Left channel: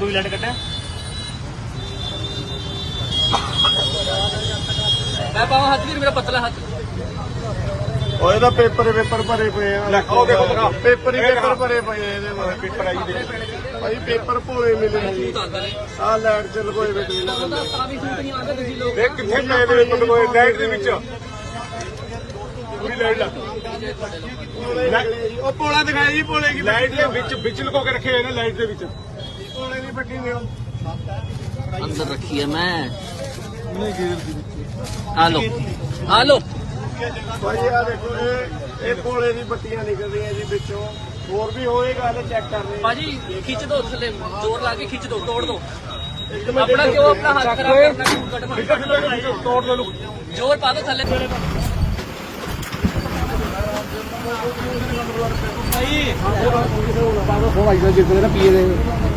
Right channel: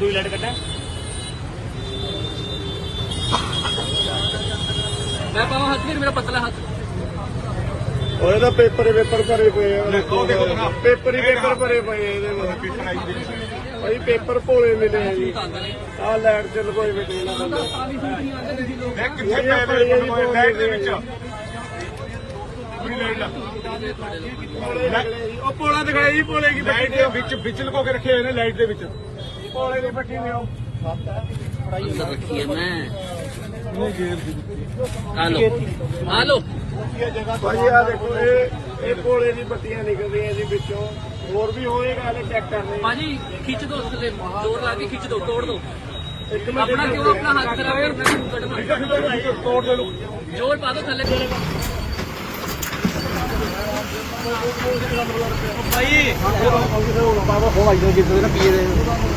ਦੋ ਲਾਈਟ ਕੱਢਿਆ ਮੈਂ ਪਾਵਾਂ ਹੱਥ ਵੀ ਮੇਰਾ ਪਤਲਾ ਹੱਥ ਉਹਦੇ ਦਾ ਪੇਪਰ ਪੇਪਰ ਭਰੇ ਪਏ ਆ ਉਹ ਦੇਖੋ ਜਨਾਬ ਪੇਪਰ ਹੀ ਪੇਪਰ ਭਰੇ ਪਏ ਆ ਇਹਦੇ ਨਾਲ ਭਾਈ ਪੇਪਰ ਭੋਲੇ ਮਿਲੇ ਨੇ ਆ ਲੈਟ ਚ ਲਗੋਏ ਵੇ ਤੇ ਇਹ ਕਿੱਥੇ ਪਏ ਪੇਪਰ ਲਗੋਏ ਲੈਟ ਦੇ ਵਿੱਚ ਉਹ ਪੋਲਾ ਦਿਖਾਈ ਜੀ ਪੋਲੇ ਕੀ ਬੱਚੇ ਦੇ ਵਿੱਚ ਵਿਚਲ ਕੋ ਰੱਖੇ ਨੇ ਲਾਈਟ ਦੇ ਵਿੱਚ ਕੋਲੇ ਦੀ ਪੱਟੀ ਲਿਓ ਰੱਖੀ ਹੈ ਮੈਂ ਉਹਨੇ ਗੇਰ ਦੀ ਦਿੱਤੀ ਆ ਲੋ ਆ ਦੇਖੋ ਇਹ ਇਹ ਕੋਲੇ ਦੀ ਬੱਤੀਆਂ ਨਿਕਲਦੀਆਂ ਜੀ ਵਿੱਚੋਂ ਹੋਰ ਵੀ ਹੋਏਗਾ ਇਹ ਚੈੱਕ ਕਰ ਲੈ ਭਾਜੀ ਖਿੱਚ ਦੋ ਥੱਲੇ ਜ਼ੋਰ ਲਾ ਕੇ ਖਿੱਚ ਦੋ ਤੋੜ ਦੋ ਆਪਣਾ ਕਿਉਂ ਆਪਣਾ ਹੱਥ ਖਰਾਬ ਤੋੜ ਦੇ ਲੋ ਜ਼ੋਰ ਪਾ ਦੋ ਥੱਲੇ ਭਾਈ ਬਾਬਾ ਖੋਲ ਜੋ ਜਿੱਦ ਮੇਰਾ ਪੀਏ ਦੇ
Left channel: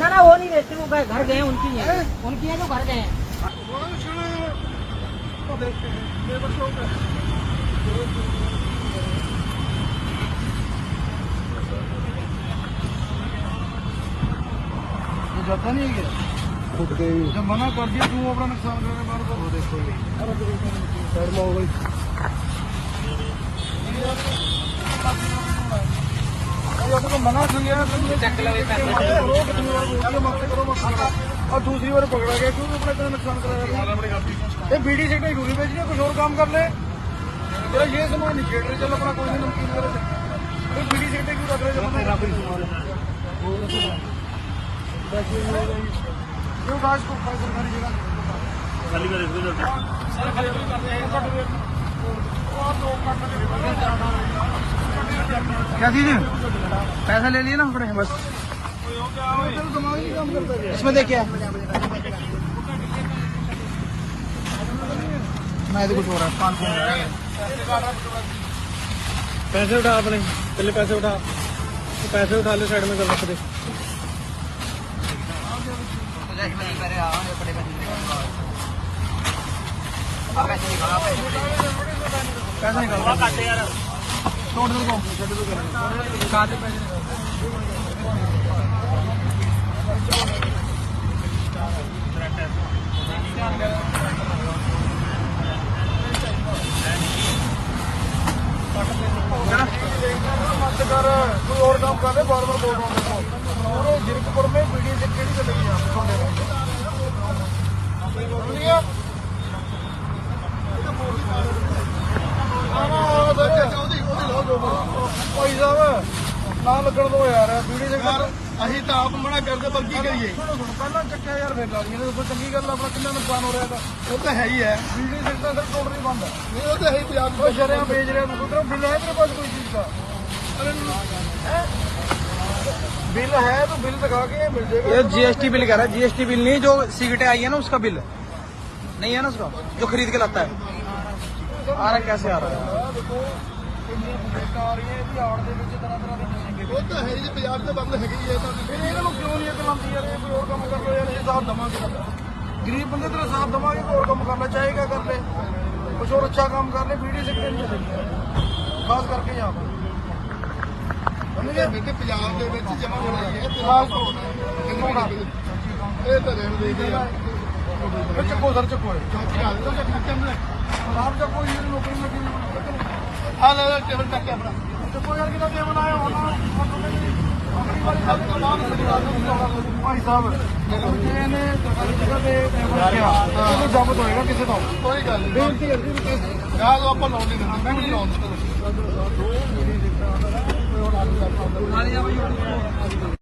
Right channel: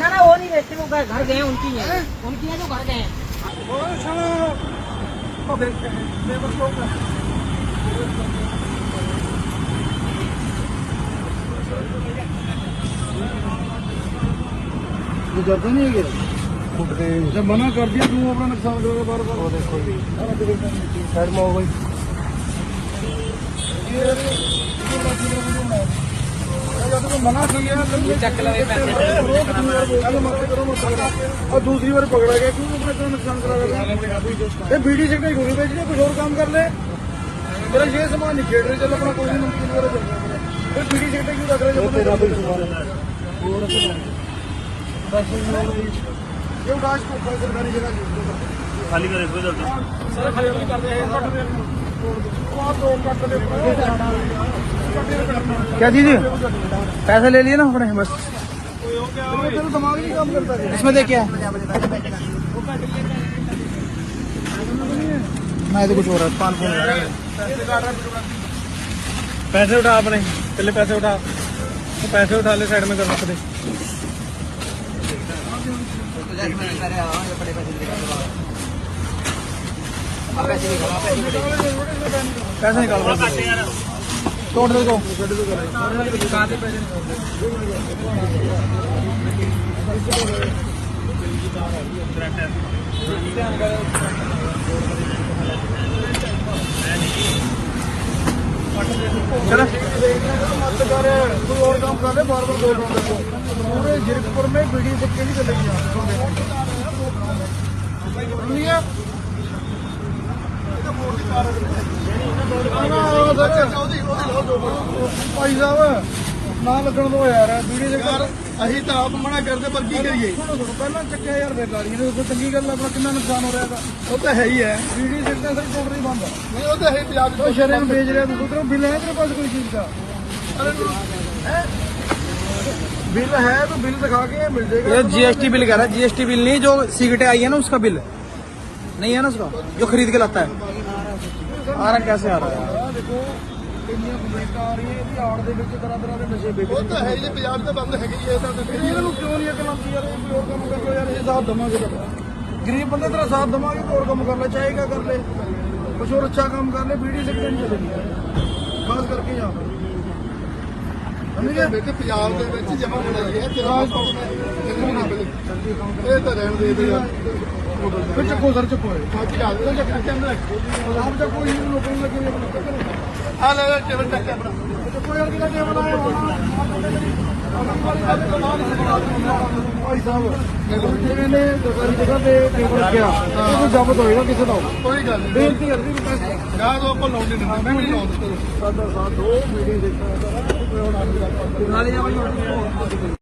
ना ना वो नहीं रहते वो घर गए उनकी है उनकी है तो घर गए ये करता नहीं है जब मना कर दिया तुम अपना नुकसान कर बार बार देखो साइड में हो गई दूसरी बार पकड़ा गया क्यों नुकसान करा बीडी से कहीं कुछ और काम कर ले मेरा ये सामान नहीं खेड़ रहे चलो अपना कोई नमकीन करो बीडी से क्यों रख रहे जो गाज खाली कर क्या चीज पैसे ले लिए ना अपने बस इसमें देखिए मैं तो कुछ हो रहा है पान पैसे उठा अपने पहले पैसे उठा पैसे उठा ले साइड में कर अपने पैसे निकालो टोटल को बार बार दो जिरकपुर में बीडी सिक्के भी चलेगी आप ਭਾਈ ਸਾਹਿਬ ਨਾ ਲੱਗਣ ਦੋ ਯਾਰ ਯਾਰ ਅਸੀਂ ਤਾਂ ਆਪ ਮਨਾ ਕਰਦੇ ਪਰ ਕੀ ਕਰੀਏ ਪਹਿਲਾਂ ਕੱਟਿਆ ਯਾਰ ਫੇਰ ਲਾੜੀ ਨੂੰ ਕੋਈ ਚੰਗੀ ਗੱਲ ਆਪਣਾ ਕਿੰਨਾ ਨੁਕਸਾਨ ਹੋ ਰਿਹਾ ਉਹ ਤਾਂ ਹੈ ਹੀ ਹੈ ਜਿਹੜੀ ਸਿੱਟਾ ਸਿਰ ਕੋਲ ਨਹੀਂ ਬੰਦ ਉਹ ਤਾਂ ਹੈ ਯਾਰ ਕੋਈ ਸ਼ਰਿਆਂ ਵੇਚ ਰਿਹਾ ਉਧਰੋਂ ਬਿੱਲ ਹੈ ਤੇਰੇ ਪਾਸ ਕੋਈ ਚੀਜ਼ ਦਾ बिल है तो बिल दिखा के मिल जाएगा जीएसटी बिल कह रहा है जीएसटी बिल नहीं जो सिगरेटें आई है ना उसका बिल नहीं है ना उसका जो खरीद के लाता है आ रहा कैसे आ रहा है ਇੰਨੀਆਂ ਕੰਪਲੇਂਟਾਂ ਆ ਰਹੀਆਂ ਦੇ ਵਿੱਚ ਤਰ੍ਹਾਂ ਤਰ੍ਹਾਂ ਦੇ ਨਸ਼ੇ ਵਿਕ ਰਹੇ ਨੇ ਇਹ ਬਾਜ਼ਾਰ ਤਾਂ ਬੰਦ ਹੈਗੀ ਹੈ ਫਿਰ ਇਹਨਾਂ ਨੂੰ ਕਿਉਂ ਨਹੀਂ ਇੱਕ ਲੰਬੀ ਯਾਰ ਕੋਈ ਕੰਮ ਕਰ ਲਓ ਯਾਰ ਅਸੀਂ ਸਾਥ ਦਵਾਂਗੇ ਗਰੀਬ ਬੰਦੇ ਤੇਰਾ ਸਾਥ ਦਵਾਂਗੇ ਹੋਰ ਕੰਮ ਕਰ ਲੈ ਚਾਹੀਦਾ ਕਰ ਲੈ ਕੁਝ ਹੋਰ ਅੱਛਾ ਕੰਮ ਕਰ ਲੈ ਵੀਡੀਓ ਸੈਕਟਰ ਨਹੀਂ ਦੇ ਕਰਦੇ ਕਰਕੇ ਆ ਮੇਰੇ ਪੰਜਾਬ ਦੇ ਵਿੱਚ ਜਮਾ ਕਰਾਈ ਹੈ ਤੇਰਾ ਕਿੱਥੋਂ ਨਾ ਇਹ ਤਾਂ ਰਹਿਣ ਦੇ ਦੇ ਵਿੱਚ ਕੋ ਸਰ ਚੱਕੋ ਹੈ ਦਾ ਕੋਈ ਨਹੀਂ ਆ ਲੈ ਲੈ ਚੱਲ ਕੋਈ ਹੋਰ ਕਿਹਦਾ ਕੇਵਲ ਭਾਈ ਸਾਹਿਬ ਹੁਣ ਨੇ ਸਰਕਾਰੀ ਜਗ੍ਹਾ ਤੇ ਟੇਬਲ ਰੱਖਿਆ ਉਹਨੂੰ ਜ਼ਬਤ ਹੋਏਗਾ ਕਿਸੇ ਦਾ ਕੋਈ ਗੱਲ ਨਹੀਂ ਬੇਨਤੀ ਅਰਜ਼ੀ ਯਾਦ ਆਪਾਂ ਲਾਉਂਦੇ ਨਹੀਂ ਸਾਡਾ ਸਾਥ ਦੋ ਮੀਟਿੰਗ ਦੇਖਣਾ ਨਾਲੇ ਆ ਬਈ